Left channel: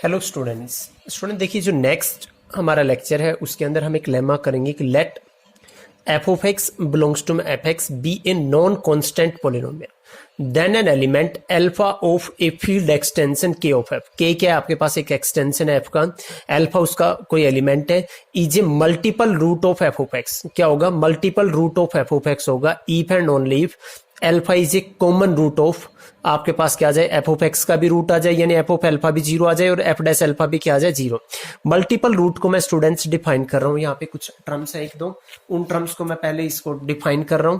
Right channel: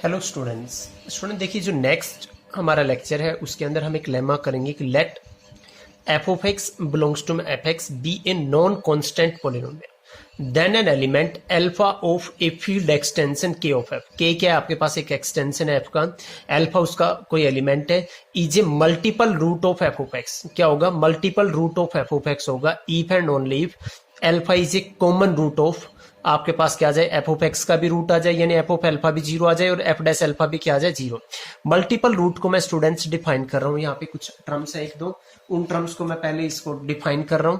Hello student देखिए जो next हमारा लेक्चर है उसके अंदर हम एक लेमा करेंगे कि let F of x belongs to F X be a non constant polynomial then an element alpha of a field extension के ऑफ एफ। के क्या है आपके पास एक एक्सटेंशन है एफ का, अल्फा उसका कोई एलिमेंट है, is a multiple root of F of x. क्या होगा? Multiple root of F of x होगा if and only if alpha is a common root of आपके पास क्या आ जाए, एफ ऑफ एक्स का भी रूट आ जाए यानी एफ ऑफ अल्फा भी जीरो आ जाए और एफ डैश अल्फा भी क्या आ जाए, जीरो। मल्टीपल रूट को मैं स्टूडेंट्स डिफाइन कर रहा हूं, यहाँ पे कुछ टर्म्स है एक दो, उन टर्म्स को मैं पहले इसको डिफाइन कर रहा हूं।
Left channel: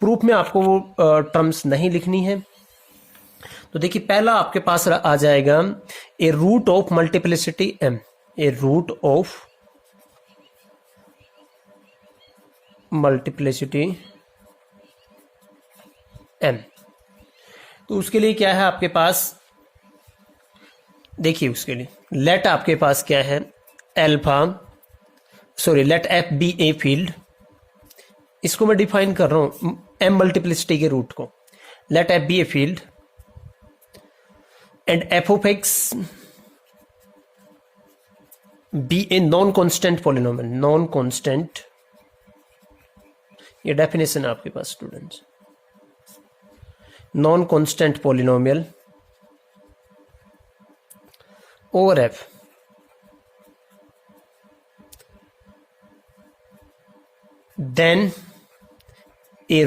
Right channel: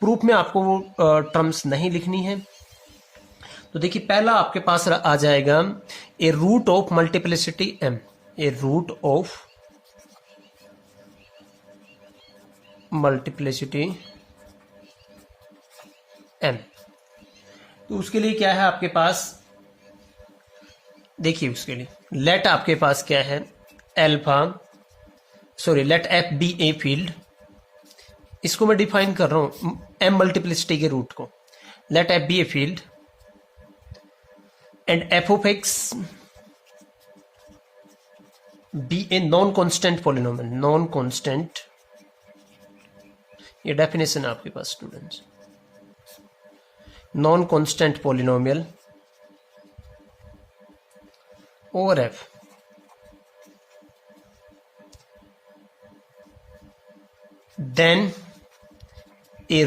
प्रूफ में आपको वो टर्म्स नहीं लिखनी है। तो देखिए पहला आपके पास आ जाएगा a root of multiplicity m, a root of multiplicity m. तो उसके लिए क्या है आपके पास, देखिए उसके लिए लेट आपके पास क्या है, alpha let f be a field, इसको मैं डिफाइन कर रहा हूं एम मल्टीप्लिसिटी के रूट को। Let f be a field and F of x be a non constant polynomial, non constant, ये डेफिनेशन है आपके पास students, non constant polynomial over F then a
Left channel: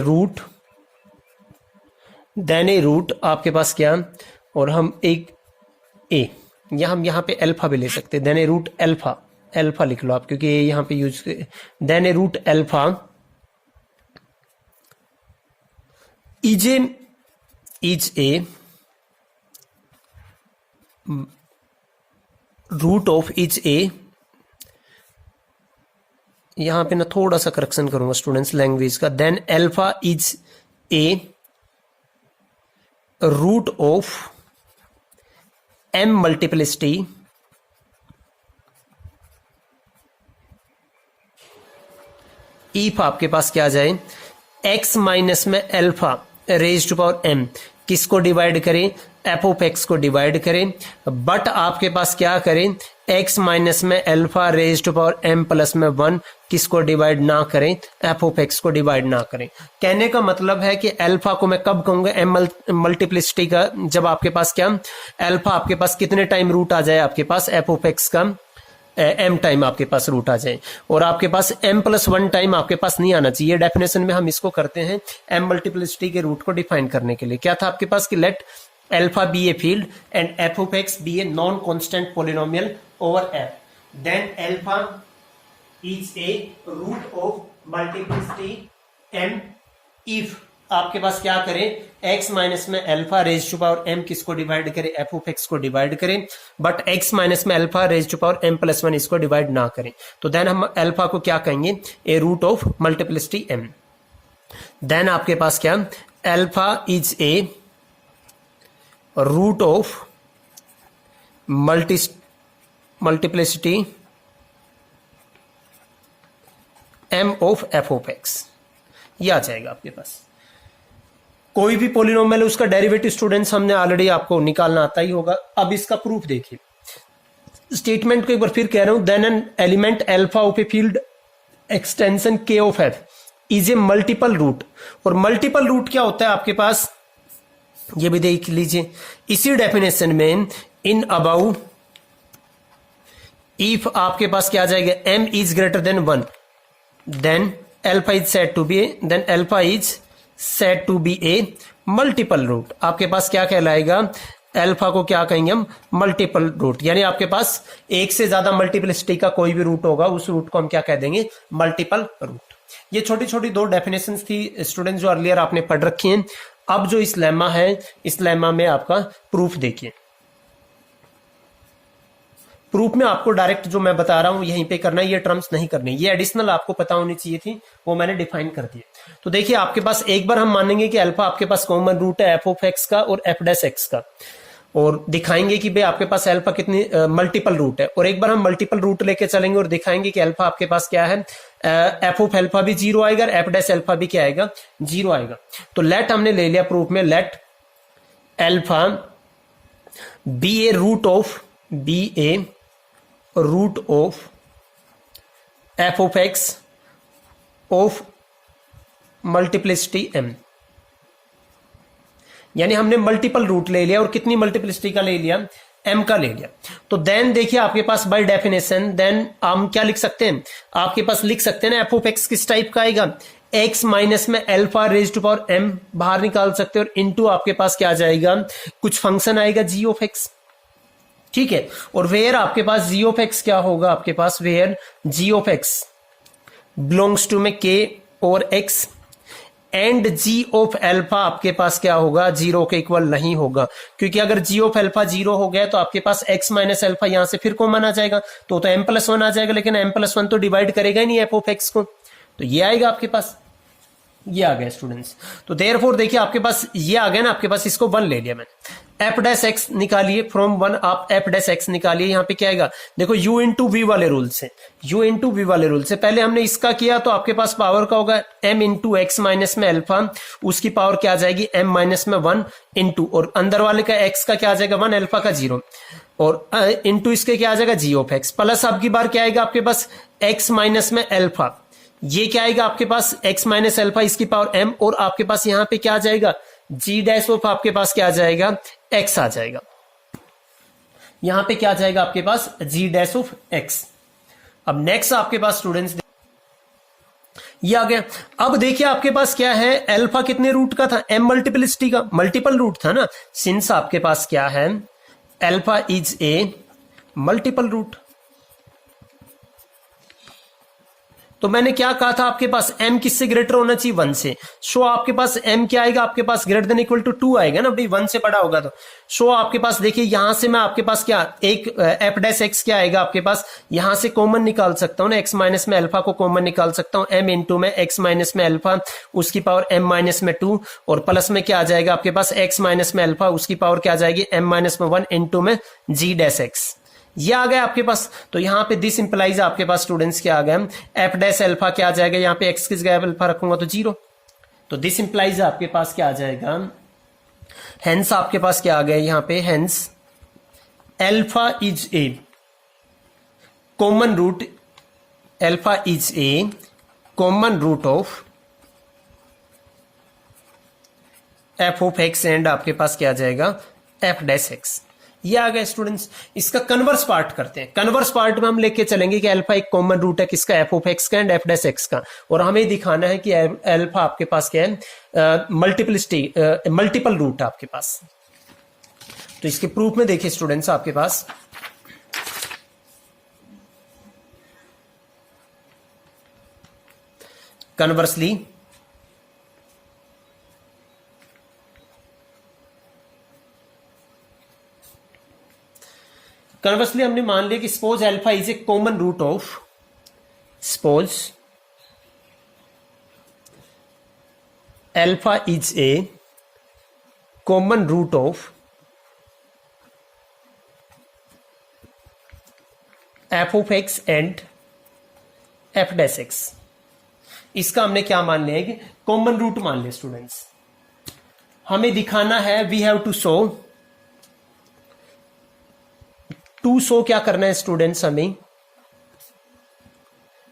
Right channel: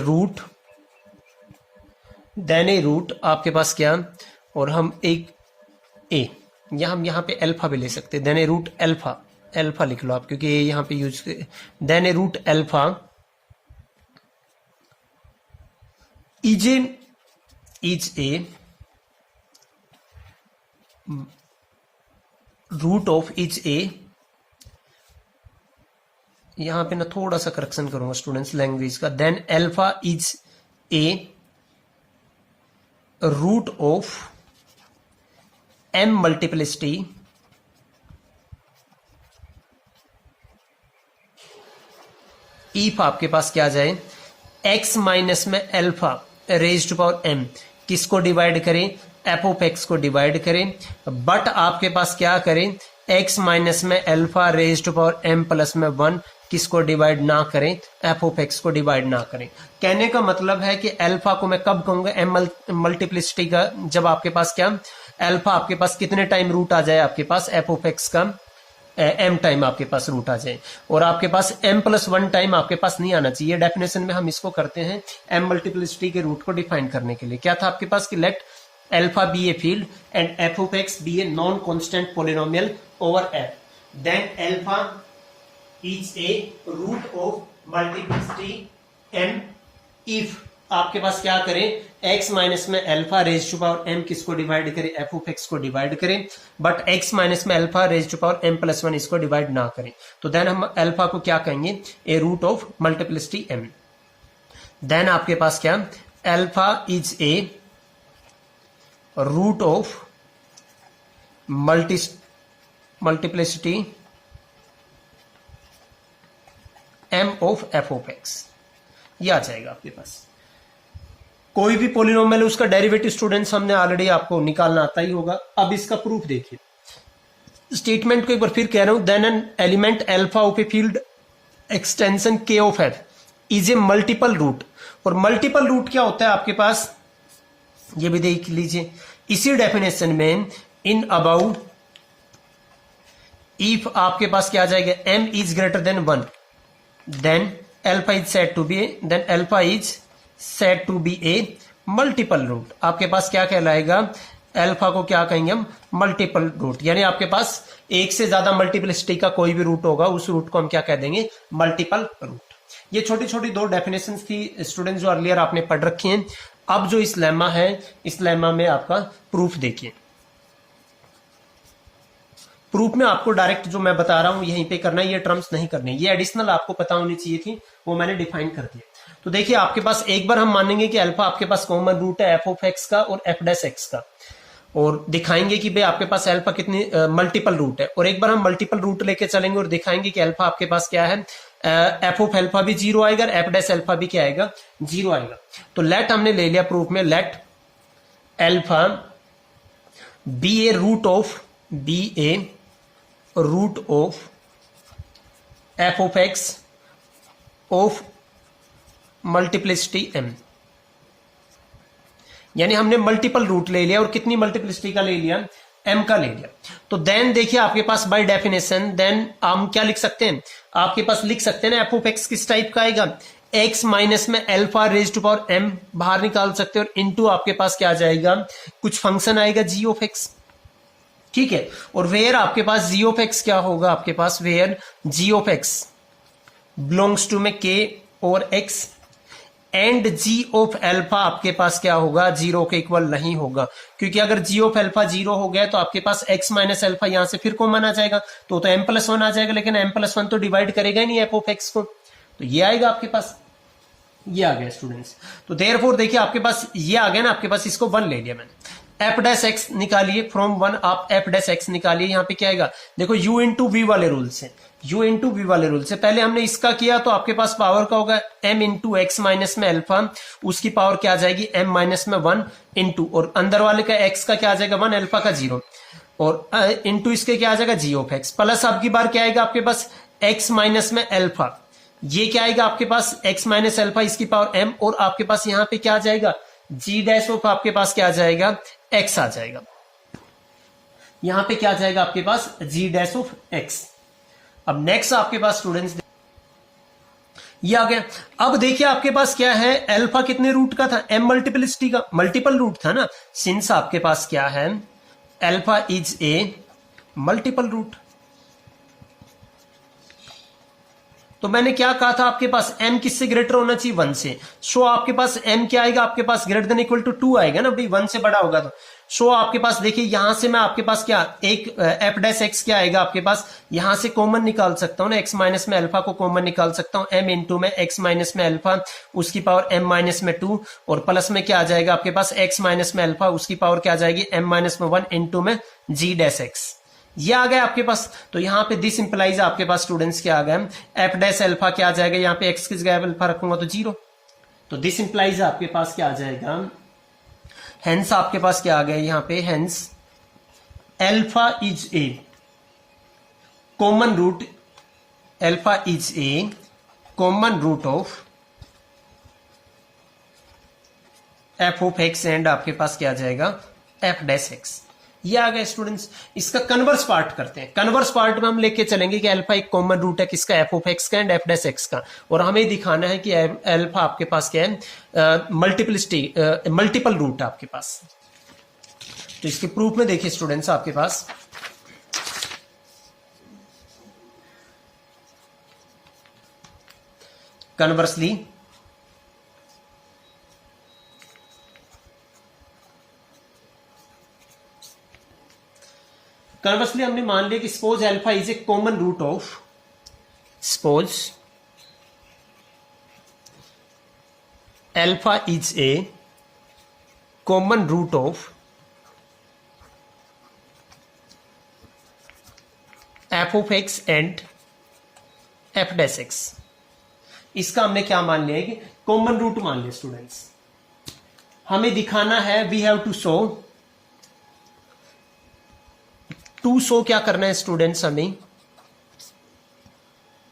root आपके पास क्या, और हम एक ए या हम यहां पे अल्फा भी ले सकते हैं, देन ए रूट अल्फा लिख लो आप क्योंकि ये यहां पे use, then a root alpha is a root of is a, यहां पे ना थोड़ा सा करेक्शन करूंगा स्टूडेंट्स लैंग्वेज का, then alpha is a root of M multiplicity if आपके पास क्या आ जाए, एक्स माइनस में alpha raise to power M, किसको डिवाइड करें, एफ ऑफ एक्स को डिवाइड करें, बट आपके पास क्या करें, एक्स माइनस में alpha raise to power M plus में वन, किसको डिवाइड ना करें, एफ ऑफ एक्स को डिवाइड ना करें। कहने का मतलब है कि अल्फा को मैं कब कहूंगा एम मल्टीप्लिसिटी का, जब आपके पास क्या अल्फा आपके पास कितने टाइम रूट आ जाए आपके पास एफ ऑफ एक्स का, एम टाइम आपके पास रूट आ जाए, और आपके पास एम प्लस वन टाइम आपके पास नहीं आना चाहिए। डेफिनेशन में हम इसको करते हैं एम मल्टीप्लिसिटी के रूट को डिफाइन करने के लिए। क्या था आपके पास कि let alpha be a field and F of x be a non constant polynomial over F, then alpha is a root of multiplicity M if आपके पास क्या करें, x माइनस में alpha raise to power m किसको divide करें, F of X को divide करें, but x minus में alpha raise to power m plus one इसको डिवाइड ना करें। तो देन हम अल्फा को क्या कहेंगे, a root of multiplicity m। Then आपके पास क्या, alpha is a root of multiplicity m of F of x, ये आ जाएगा आपके पास। कोई भी पॉलिनोमियल उसका डेरिवेटिव स्टूडेंट्स हमने ऑलरेडी आपको निकालना आता ही होगा। अब इसका प्रूफ देखिए, स्टेटमेंट को एक बार फिर कह रहा हूं, then an element alpha of a field extension के of f is a multiple root, और मल्टीपल रूट क्या होता है आपके पास, ये भी देख लीजिए इसी डेफिनेशन में, इन अबाउ इफ आपके पास क्या आ जाएगा, m is greater than one, then alpha is said to be a, then alpha is said to be a multiple root. आपके पास क्या कहलाएगा, अल्फा को क्या कहेंगे हम, मल्टीपल रूट, यानी आपके पास एक से ज्यादा मल्टीप्लिसिटी का कोई भी रूट होगा उस रूट को हम क्या कह देंगे, मल्टीपल रूट। ये छोटी छोटी दो डेफिनेशंस थी स्टूडेंट्स जो अर्लियर आपने पढ़ रखी हैं। अब जो इस लेमा है, इस लेमा में आपका प्रूफ देखिए। प्रूफ में आपको डायरेक्ट जो मैं बता रहा हूं यहीं पे करना है, ये टर्म्स नहीं करने, ये एडिशनल आपको पता होनी चाहिए थी, वो मैंने डिफाइन कर दिया। तो देखिए आपके पास एक बार हम मानेंगे कि अल्फा आपके पास कॉमन रूट है एफ ऑफ एक्स का और एफ डैश एक्स का, और दिखाएंगे कि भाई आपके पास अल्फा कितनी मल्टीपल रूट है, और एक बार हम मल्टीपल रूट लेके चलेंगे और दिखाएंगे कि अल्फा आपके पास क्या है, एफ ऑफ अल्फा भी जीरो आएगा, एफ डैश अल्फा भी क्या आएगा, जीरो आएगा। तो लेट हमने ले लिया प्रूफ में, let alpha be a root of be a root of F of X of multiplicity M. यानी हमने मल्टीपल रूट ले लिया और कितनी मल्टीप्लिसिटी का ले लिया, एम का ले लिया। तो देन देखिए आपके पास बाय डेफिनेशन देन हम क्या लिख सकते हैं, आपके पास लिख सकते हैं ना एफ ऑफ एक्स किस टाइप का आएगा, एक्स माइनस में alpha raise to power M बाहर निकाल सकते हैं और इनटू आपके पास क्या आ जाएगा, कुछ फंक्शन आएगा जी ऑफ एक्स। ठीक है, और वेयर आपके पास जी ऑफ एक्स क्या होगा, आपके पास where g of x belongs to में के और x and g of alpha आपके पास क्या होगा, जीरो के इक्वल नहीं होगा, क्योंकि अगर जी ऑफ एल्फा जीरो हो गया तो आपके पास एक्स माइनस एल्फा यहां से फिर कॉमन आ जाएगा, तो एम प्लस वन आ जाएगा, लेकिन एम प्लस वन तो डिवाइड करेगा ही नहीं एफ ऑफ एक्स को, तो ये आएगा आपके पास, ये आ गया स्टूडेंट्स। तो देयरफॉर देखिए आपके पास ये आ गया ना, आपके पास इसको वन ले लिया मैंने, एफ डैश एक्स निकालिए फ्रॉम वन, आप एफ डैश एक्स निकालिए, यहां पे क्या आएगा, देखो यू इंटू वी वाले रूल से, यू इंटू वी वाले रूल से पहले हमने इसका किया तो आपके पास पावर का होगा एम इंटू एक्स माइनस में एल्फा, उसकी पावर क्या आ जाएगी एम माइनस में वन इंटू, और अंदर वाले का एक्स का क्या आ जाएगा वन, एल्फा का जीरो, और इंटू इसके क्या आ जाएगा जी ऑफ एक्स, प्लस आपकी बार क्या आएगा आपके पास एक्स माइनस में एल्फा, ये क्या आएगा आपके पास एक्स माइनस एल्फा इसकी पावर एम, और आपके पास यहां पे क्या आ जाएगा जी डैश ऑफ आपके पास क्या आ जाएगा एक्स आ जाएगा, यहां पे क्या आ जाएगा आपके पास जी डैश ऑफ एक्स। अब नेक्स्ट आपके पास स्टूडेंट्स ये आ गया। अब देखिए आपके पास क्या है, एल्फा कितने रूट का था, एम मल्टीपलिसिटी का, मल्टीपल रूट था ना, सिंस आपके पास क्या है alpha is a multiple root, तो मैंने क्या कहा था आपके पास m किससे ग्रेटर होना चाहिए, वन से, शो आपके पास m क्या आएगा आपके पास ग्रेटर देन इक्वल टू 2 आएगा ना भाई, वन से बड़ा होगा तो शो आपके पास देखिए यहां से मैं आपके पास क्या एक f डैश x क्या आएगा आपके पास, यहां से कॉमन निकाल सकता हूं ना, x माइनस में अल्फा को कॉमन निकाल सकता हूं, m इंटू में x माइनस में अल्फा उसकी पावर m माइनस में 2, और प्लस में क्या आ जाएगा आपके पास x माइनस में अल्फा उसकी पावर क्या आ जाएगी m माइनस में 1 इंटू में g डैश x, ये आ गया आपके पास। तो यहां पे दिस इंप्लाइज आपके पास स्टूडेंट्स क्या आ गया, एफ डैश अल्फा क्या आ जाएगा, यहां पे एक्स किस जगह अल्फा रखूंगा तो जीरो, तो दिस इंप्लाइज आपके पास क्या आ जाएगा, हेंस आपके पास क्या आ गया यहां पे, hence alpha is a common root, alpha is a common root of F of X and आपके पास क्या आ जाएगा एफ डैश एक्स, ये आ गया स्टूडेंट्स। इसका कन्वर्स पार्ट करते हैं, कन्वर्स पार्ट में हम लेके चलेंगे कि अल्फा एक कॉमन रूट है किसका, एफ ऑफ एक्स का एंड एफ डैश एक्स का, और हमें दिखाना है कि अल्फा आपके पास क्या है मल्टीपलिसिटी मल्टीपल रूट है आपके पास। तो इसके प्रूफ में देखिए स्टूडेंट्स आपके पास कन्वर्सली कन्वर्सली हमने मान लिया कि suppose alpha is a common root of, suppose alpha is a common root of F of X and F dash X, इसका हमने क्या मान लिया कि कॉमन रूट मान लिया स्टूडेंट्स। हमें दिखाना है वी हैव टू शो क्या करना है स्टूडेंट्स, हमें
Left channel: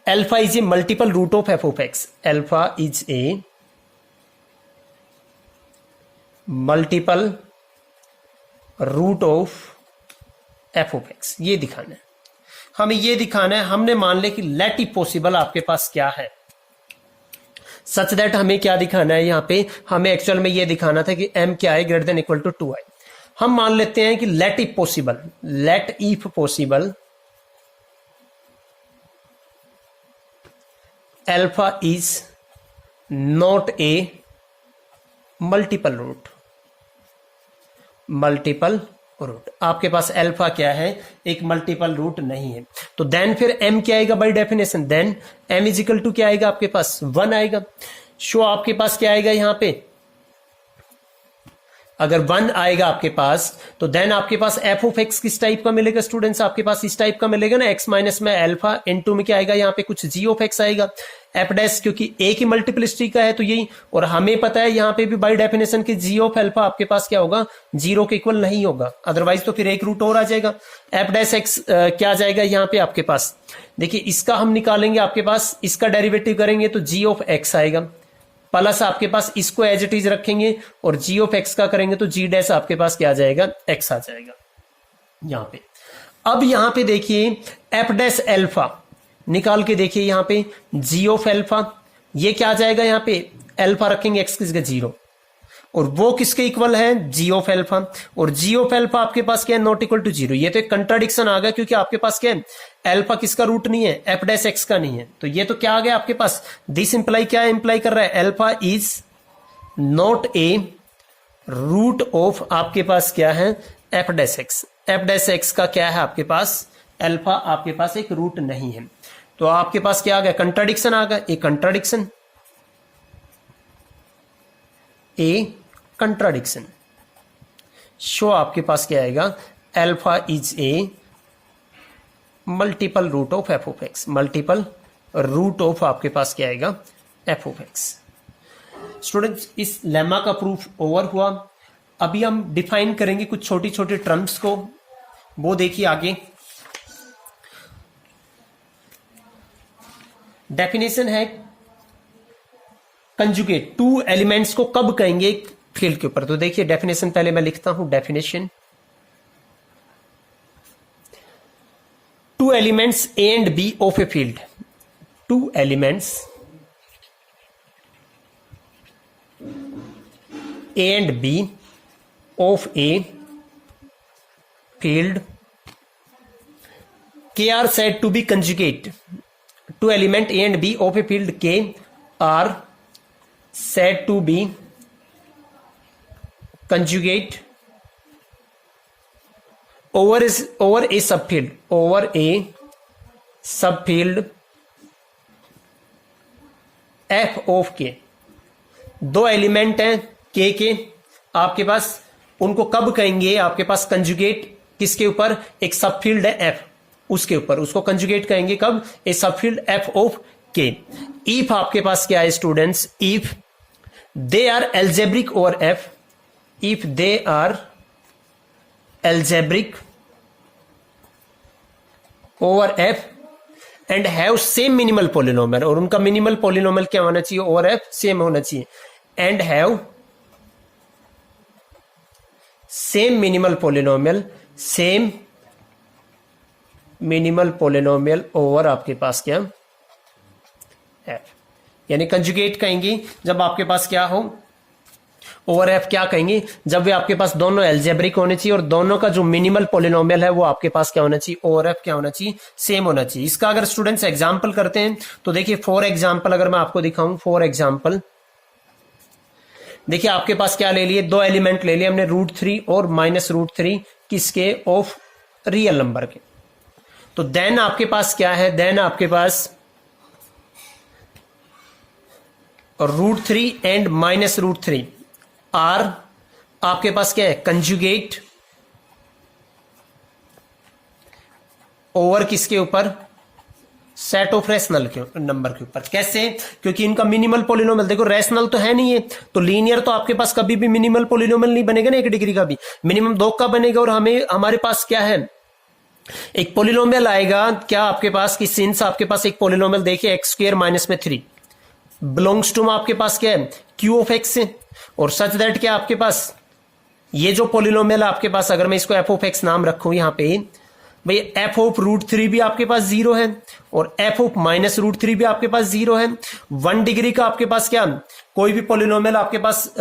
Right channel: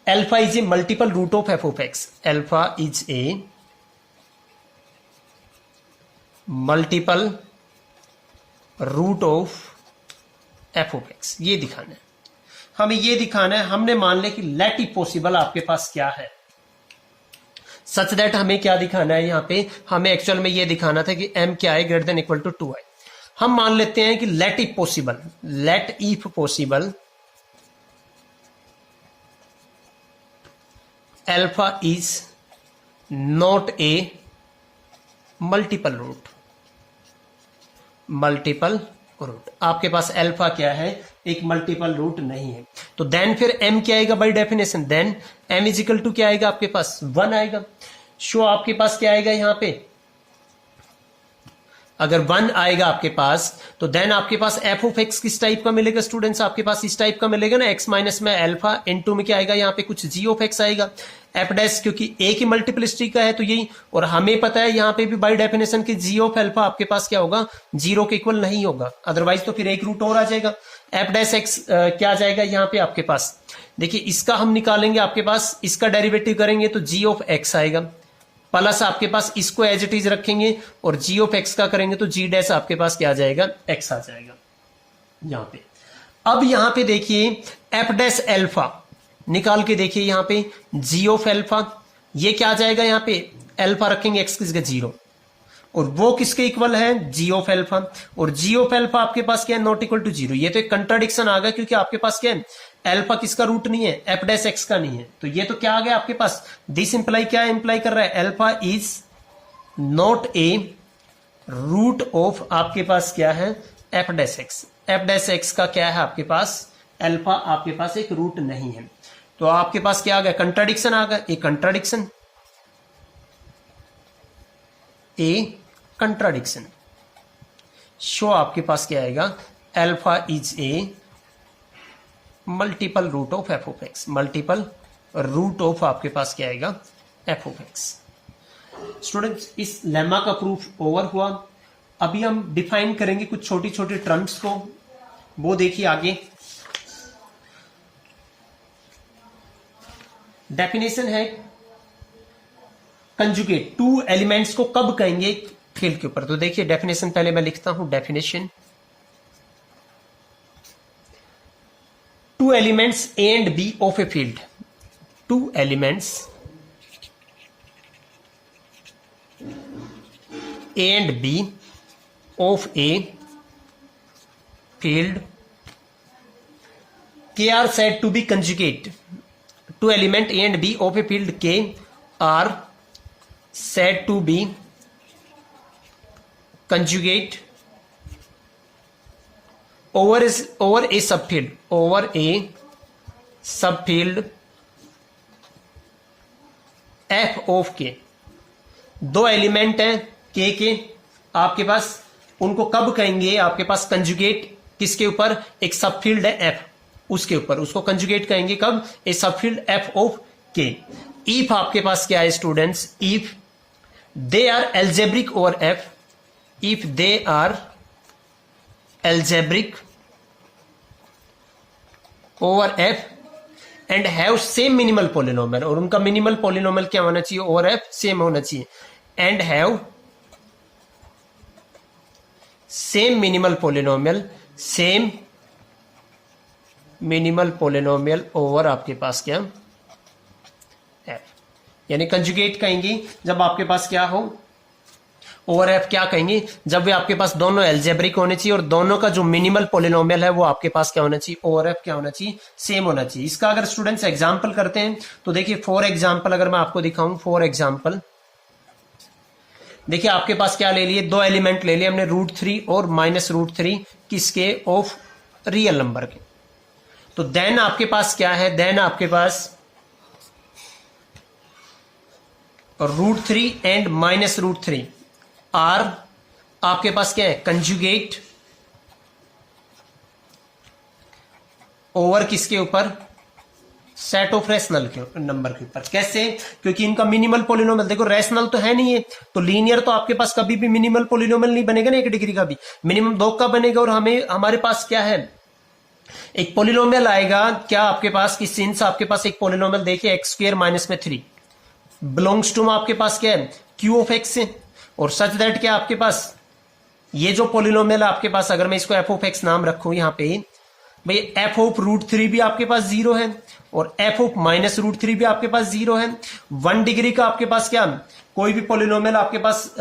alpha is a multiple root of F of X, alpha is a multiple root of F of x, ये दिखाना है हमें, ये दिखाना है। हमने मान लिया कि लेट इट पॉसिबल आपके पास क्या है, सच दैट हमें क्या दिखाना है यहां पे, हमें एक्चुअल में ये दिखाना था कि m क्या है ग्रेटर देन इक्वल टू 2 है। हम मान लेते हैं कि let if possible, let if possible alpha is not a multiple root, multiple root आपके पास अल्फा क्या है एक मल्टीपल रूट नहीं है, तो देन फिर m क्या आएगा by definition, then m is equal to क्या आएगा आपके पास 1 आएगा। शो आपके पास क्या आएगा यहां पे अगर 1 आएगा आपके पास तो देन आपके पास एफ ऑफ एक्स किस टाइप का मिलेगा स्टूडेंट्स, आपके पास इस टाइप का मिलेगा ना, एक्स माइनस में अल्फा इनटू में क्या आएगा यहाँ पे कुछ जी ऑफ एक्स आएगा। एफ डैश क्योंकि ए की मल्टीप्लिसिटी का है तो यही, और हमें पता है यहाँ पे भी बाय डेफिनेशन की जी ऑफ अल्फा आपके पास क्या होगा, 0 के इक्वल नहीं होगा, अदरवाइज तो फिर एक रूट और आ जाएगा। एफ डैश एक्स क्या आ जाएगा यहाँ पे आपके पास, देखिए इसका हम निकालेंगे आपके पास, इसका डेरिवेटिव करेंगे तो जी ऑफ एक्स आएगा, प्लस आपके पास इसको एज इट इज रखेंगे और जी ऑफ एक्स का करेंगे तो जी डैश आपके पास क्या आ जाएगा, एक्स आ जाएगा यहां पे। अब यहां पे देखिए एफ डैश एल्फा निकाल के देखिए यहां पे जी ऑफ एल्फा, ये क्या आ जाएगा यहां पे, एल्फा रखेंगे एक्स किसका 0, और वो किसके इक्वल है, जी ऑफ एल्फा, और जी ऑफ एल्फा आपके पास क्या है, नॉट इक्वल टू 0। ये तो एक कंट्राडिक्शन आ गया क्योंकि आपके पास क्या है, एल्फा किसका रूट नहीं है, एफ डैश एक्स का नहीं है, तो ये तो क्या आ गया आपके पास, दिस इंप्लाई क्या इंप्लाई कर रहा है, alpha is not a root of आपके पास क्या है, F dash X. F dash X का क्या है आपके पास, एल्फा आपके पास एक रूट नहीं है, तो आपके पास क्या आ गया, कंट्राडिक्शन आ गया, एक कंट्राडिक्शन, ए कंट्राडिक्शन, शो आपके पास क्या आएगा, alpha is a multiple root of F of X, multiple root of आपके पास क्या आएगा, एफ ऑफ एक्स। स्टूडेंट्स इस लेमा का प्रूफ ओवर हुआ। अभी हम डिफाइन करेंगे कुछ छोटी छोटी टर्म्स को, वो देखिए आगे। डेफिनेशन है कंजुगेट, टू एलिमेंट्स को कब कहेंगे फील्ड के ऊपर, तो देखिए डेफिनेशन पहले मैं लिखता हूं, definition two elements A and B of a field, two elements A and B of a field K are said to be conjugate. Two element A and B of a field K are said to be conjugate over a subfield, over a subfield f of k। दो element हैं k के आपके पास, उनको कब कहेंगे आपके पास conjugate, किसके ऊपर, एक सबफील्ड है f, उसके ऊपर उसको कंजुगेट कहेंगे कब, a subfield f of k। If आपके पास क्या है students, if they are algebraic over f, if they are algebraic over f and have same minimal polynomial, और उनका मिनिमल पोलिनोमियल क्या होना चाहिए, ओवर f सेम होना चाहिए, and have same minimal polynomial, same minimal polynomial over आपके पास क्या f, यानी कंजुगेट कहेंगे जब आपके पास क्या हो, ओवर एफ क्या कहेंगे, जब वे आपके पास दोनों एल्जेब्रिक होने चाहिए और दोनों का जो मिनिमल पोलिनोमियल है वो आपके पास क्या होना चाहिए, ओवर एफ क्या होना चाहिए, सेम होना चाहिए। इसका अगर स्टूडेंट्स एग्जांपल करते हैं तो देखिए फॉर एग्जांपल अगर मैं आपको दिखाऊं, फॉर एग्जांपल देखिए आपके पास क्या ले लिए, दो एलिमेंट ले लिए हमने, √3 और -√3 किसके, ऑफ रियल नंबर के। तो देन आपके पास क्या है, देन आपके पास √3 एंड -√3 आर आपके पास क्या है, कंजुगेट ओवर किसके ऊपर, सेट ऑफ रेशनल के नंबर के ऊपर। कैसे, क्योंकि इनका मिनिमल पोलिनोमियल देखो रेशनल तो है नहीं है, तो लीनियर तो आपके पास कभी भी मिनिमल पोलिनोमियल नहीं बनेगा ना, 1 डिग्री का भी मिनिमम 2 का बनेगा, और हमारे पास क्या है, एक पोलिनोमियल आएगा क्या आपके पास, कि सिंस आपके पास एक पोलिनोमियल देखिए x² - 3 बिलोंग्स टू आपके पास क्या है, q ऑफ x से, और सच दैट क्या आपके पास ये जो पोलिनोमियल है आपके पास, अगर मैं इसको f ऑफ x नाम रखूं यहां पे, भाई f ऑफ √3 भी आपके पास 0 है और f ऑफ -√3 भी आपके पास 0 है। 1 डिग्री का आपके पास क्या, कोई भी पोलिनोमियल आपके पास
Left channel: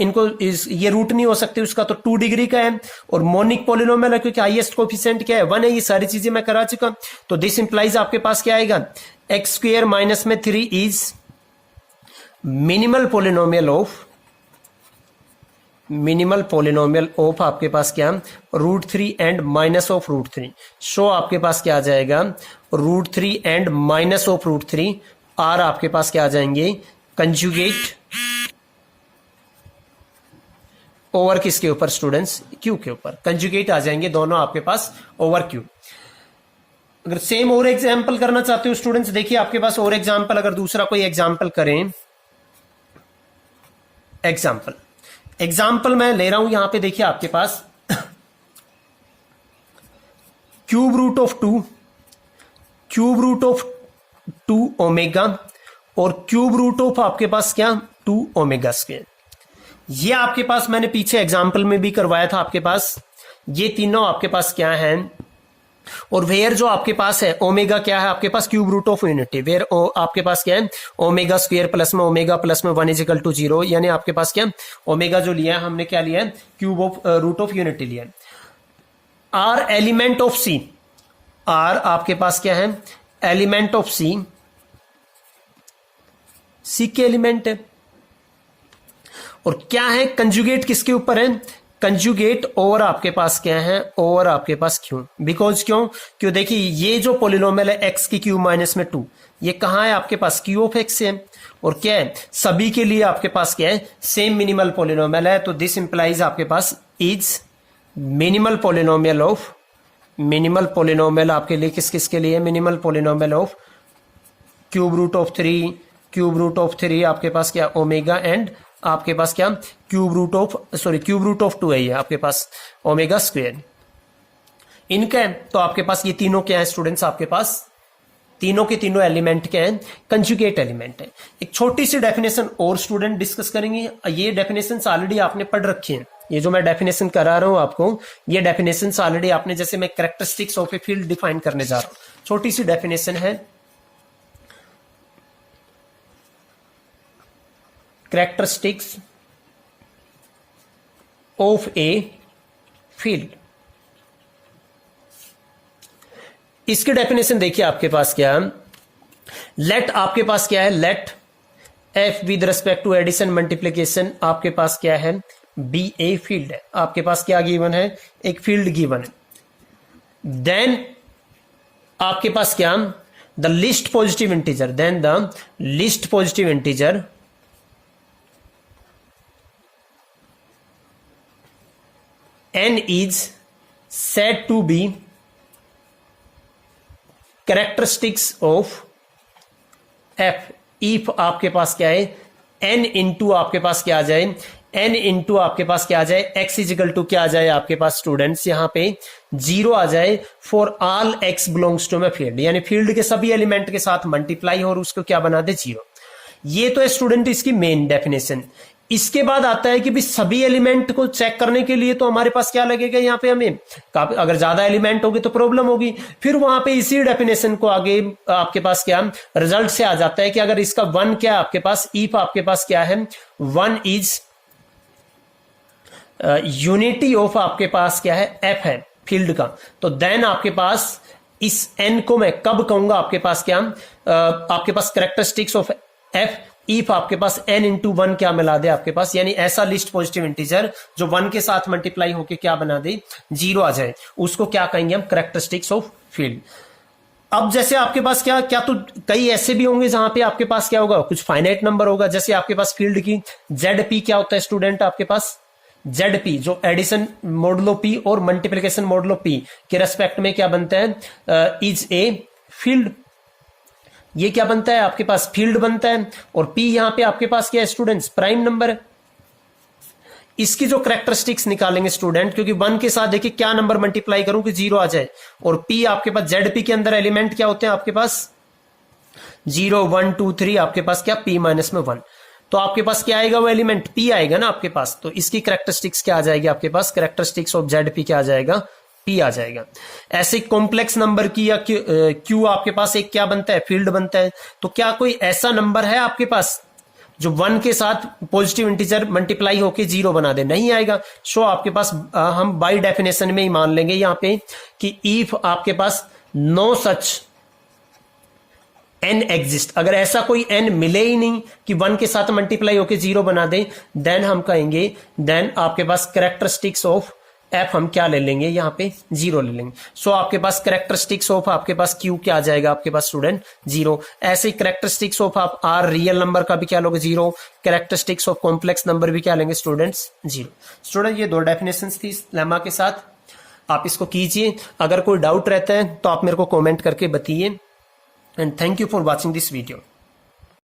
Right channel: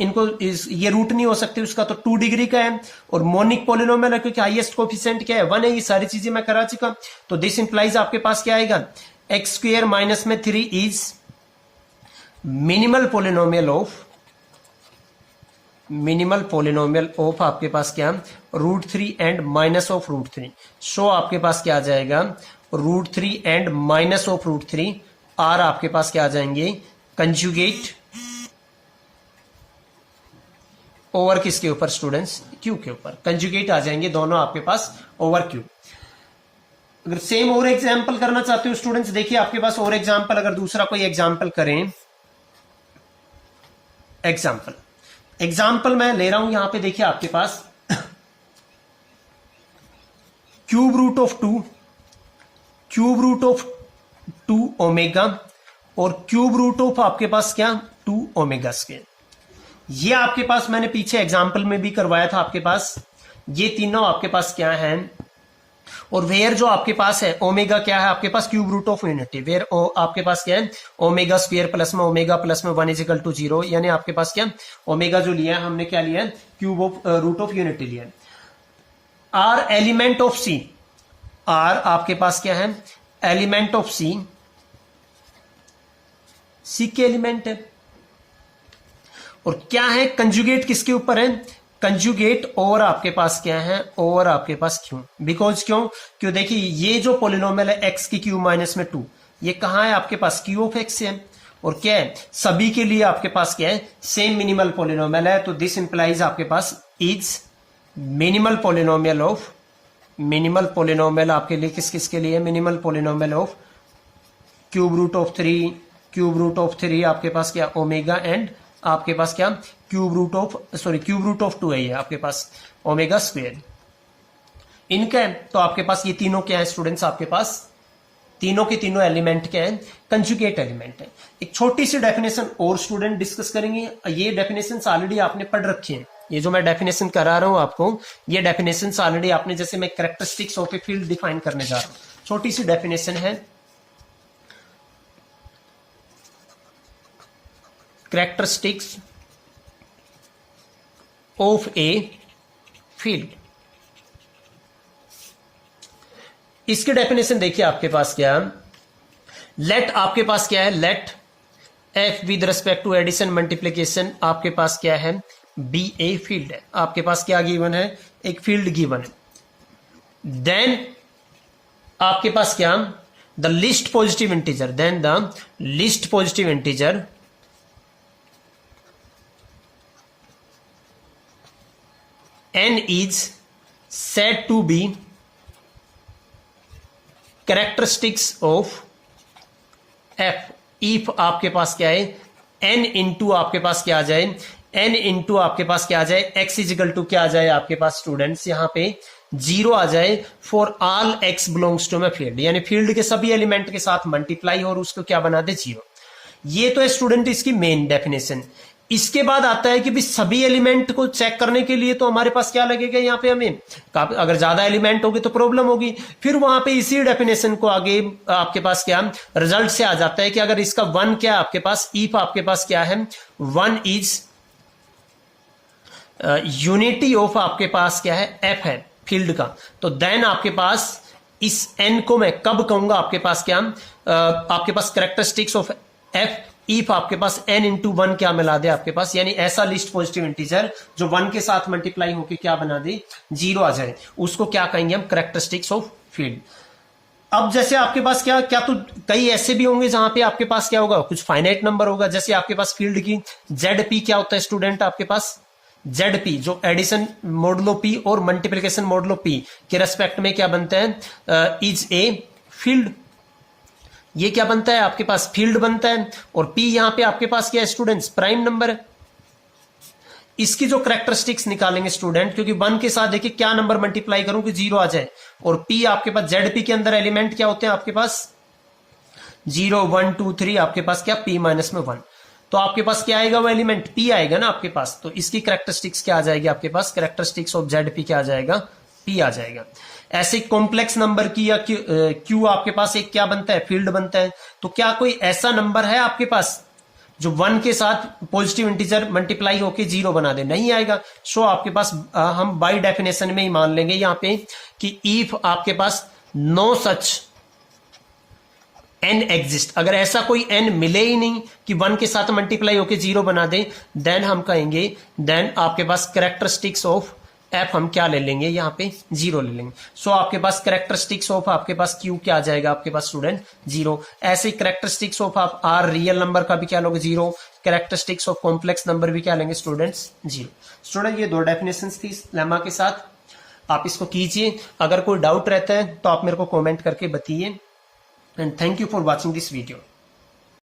इनको ये रूट नहीं हो सकते उसका, तो 2 डिग्री का है, और मोनिक पोलिनोमियल है क्योंकि हाईएस्ट कोफिशिएंट क्या है, 1 है। ये सारी चीजें मैं करा चुका, तो दिस इंप्लाइज आपके पास क्या आएगा, x² - 3 is minimal polynomial of आपके पास क्या, √3 एंड माइनस ऑफ √3। सो आपके पास क्या आ जाएगा, √3 एंड माइनस ऑफ √3 आर आपके पास क्या आ जाएंगे, कंजुगेट ओवर किसके ऊपर स्टूडेंट्स, क्यू के ऊपर, कंजुगेट आ जाएंगे दोनों आपके पास ओवर क्यू। अगर सेम और एग्जाम्पल करना चाहते हो स्टूडेंट्स, देखिए आपके पास और एग्जाम्पल, अगर दूसरा कोई एग्जाम्पल करें, एग्जाम्पल मैं ले रहा हूं यहां पे, देखिए आपके पास cube root of two omega और क्यूब रूट ऑफ आपके पास क्या 2 ओमेगा स्क्वायर। ये आपके पास मैंने पीछे एग्जाम्पल में भी करवाया था आपके पास, ये तीनों आपके पास क्या है, और वेयर जो आपके पास है ओमेगा क्या है आपके पास, cube root of unity, where आपके पास क्या है ओमेगा स्क्वायर प्लस में ओमेगा प्लस में 1 इज इक्वल टू 0, यानी आपके पास क्या ओमेगा जो लिया है हमने क्या लिया है, cube of root of unity लिया है। R element of C, R आपके पास क्या है एलिमेंट ऑफ सी, सी के एलिमेंट है, और क्या है कंजुगेट किसके ऊपर है, कंजुगेट ओवर आपके पास क्या है, ओवर आपके पास क्यू, बिकॉज क्यों देखिए ये जो पोलिनोमियल है एक्स की क्यू माइनस में 2, ये कहां है आपके पास क्यू ऑफ एक्स है, और क्या है सभी के लिए आपके पास क्या है सेम मिनिमल पोलिनोमियल है, तो दिस इंप्लाइज आपके पास इज मिनिमल पोलिनोमियल आपके लिए किस किस के लिए minimal polynomial of cube root of 3 आपके पास क्या ओमेगा, एंड आपके पास क्या क्यूब रूट ऑफ 2 है ये आपके पास ओमेगा स्क्वायर इनका है। तो आपके पास ये तीनों क्या है स्टूडेंट्स, आपके पास तीनों के तीनों एलिमेंट क्या है, कंजुगेट एलिमेंट है। एक छोटी सी डेफिनेशन और स्टूडेंट डिस्कस करेंगे, ये डेफिनेशन ऑलरेडी आपने पढ़ रखी है, ये जो मैं डेफिनेशन करा रहा हूं आपको, ये डेफिनेशन ऑलरेडी आपने, जैसे मैं characteristics of a field define करने जा रहा हूं, छोटी सी डेफिनेशन है, कैरेक्टरिस्टिक्स ऑफ ए फील्ड। इसकी डेफिनेशन देखिए आपके पास क्या है, लेट आपके पास क्या है, let F with respect to addition multiplication आपके पास क्या है बी ए फील्ड है, आपके पास क्या गिवन है, एक फील्ड गिवन है, देन आपके पास क्या the least positive integer, then the least positive integer n is said to be characteristics of f if आपके पास क्या है n इंटू आपके पास क्या आ जाए, n इंटू आपके पास क्या आ जाए x इजिकल टू क्या आ जाए आपके पास स्टूडेंट्स यहां पे 0 आ जाए for all x belongs to my field, यानी फील्ड के सभी एलिमेंट के साथ मल्टीप्लाई और उसको क्या बना दे 0। ये तो है स्टूडेंट इसकी मेन डेफिनेशन। इसके बाद आता है कि भी सभी एलिमेंट को चेक करने के लिए तो हमारे पास क्या लगेगा, यहाँ पे हमें अगर ज्यादा एलिमेंट होगी तो प्रॉब्लम होगी, फिर वहां पे इसी डेफिनेशन को आगे आपके पास क्या रिजल्ट से आ जाता है कि अगर इसका 1 क्या आपके पास, इफ आपके पास क्या है 1 इज यूनिटी ऑफ आपके पास क्या है एफ है फील्ड का, तो देन आपके पास इस एन को मैं कब कहूंगा आपके पास क्या आपके पास कैरेक्टरिस्टिक्स ऑफ एफ इफ आपके पास n इंटू 1 क्या मिला दे आपके पास, यानी ऐसा लिस्ट पॉजिटिव इंटीजर जो 1 के साथ मल्टीप्लाई होके क्या बना दे 0 आ जाए, उसको क्या कहेंगे हम कैरेक्टरिस्टिक्स ऑफ फील्ड। अब जैसे आपके पास क्या क्या तो कई ऐसे भी होंगे जहां पे आपके पास क्या होगा कुछ फाइनाइट नंबर होगा, जैसे आपके पास फील्ड की ZP क्या होता है स्टूडेंट आपके पास ZP जो एडिशन मॉडुलो P और मल्टीप्लिकेशन मॉडुलो P के रेस्पेक्ट में क्या बनता है इज ए फील्ड, ये क्या बनता है आपके पास फील्ड बनता है, और P यहां पे आपके पास क्या है स्टूडेंट्स प्राइम नंबर है। इसकी जो कैरेक्टरिस्टिक्स निकालेंगे स्टूडेंट, क्योंकि 1 के साथ देखिए क्या नंबर मल्टीप्लाई करूं कि 0 आ जाए, और P आपके पास ZP के अंदर एलिमेंट क्या होते हैं आपके पास 0 1 2 3 आपके पास क्या P माइनस में 1, तो आपके पास क्या आएगा वो एलिमेंट P आएगा ना आपके पास, तो इसकी कैरेक्टरिस्टिक्स क्या आ जाएगी आपके पास कैरेक्टरिस्टिक्स ऑफ ZP क्या आ जाएगा P आ जाएगा। ऐसे कॉम्प्लेक्स नंबर की या Q आपके पास एक क्या बनता है फील्ड बनता है, तो क्या कोई ऐसा नंबर है आपके पास जो 1 के साथ पॉजिटिव इंटीजर मल्टीप्लाई होके 0 बना दे, नहीं आएगा। सो आपके पास हम बाय डेफिनेशन में ही मान लेंगे यहाँ पे कि इफ आपके पास नो सच n एग्जिस्ट, अगर ऐसा कोई n मिले ही नहीं कि 1 के साथ मल्टीप्लाई होके 0 बना दे, देन हम कहेंगे देन आपके पास कैरेक्टरिस्टिक्स ऑफ एफ हम क्या ले लेंगे यहाँ पे 0 ले लेंगे। सो आपके पास कैरेक्टरिस्टिक्स ऑफ आपके पास क्यू क्या आ जाएगा आपके पास स्टूडेंट 0। ऐसे ही कैरेक्टरिस्टिक्स ऑफ आप आर रियल नंबर का भी क्या लोगे 0, कैरेक्टरिस्टिक्स ऑफ कॉम्प्लेक्स नंबर भी क्या लेंगे स्टूडेंट्स? 0। स्टूडेंट ये 2 डेफिनेशंस थी इस लेमा के साथ, आप इसको कीजिए। अगर कोई डाउट रहता है तो आप मेरे को कमेंट करके बताइए। And thank you for watching this video.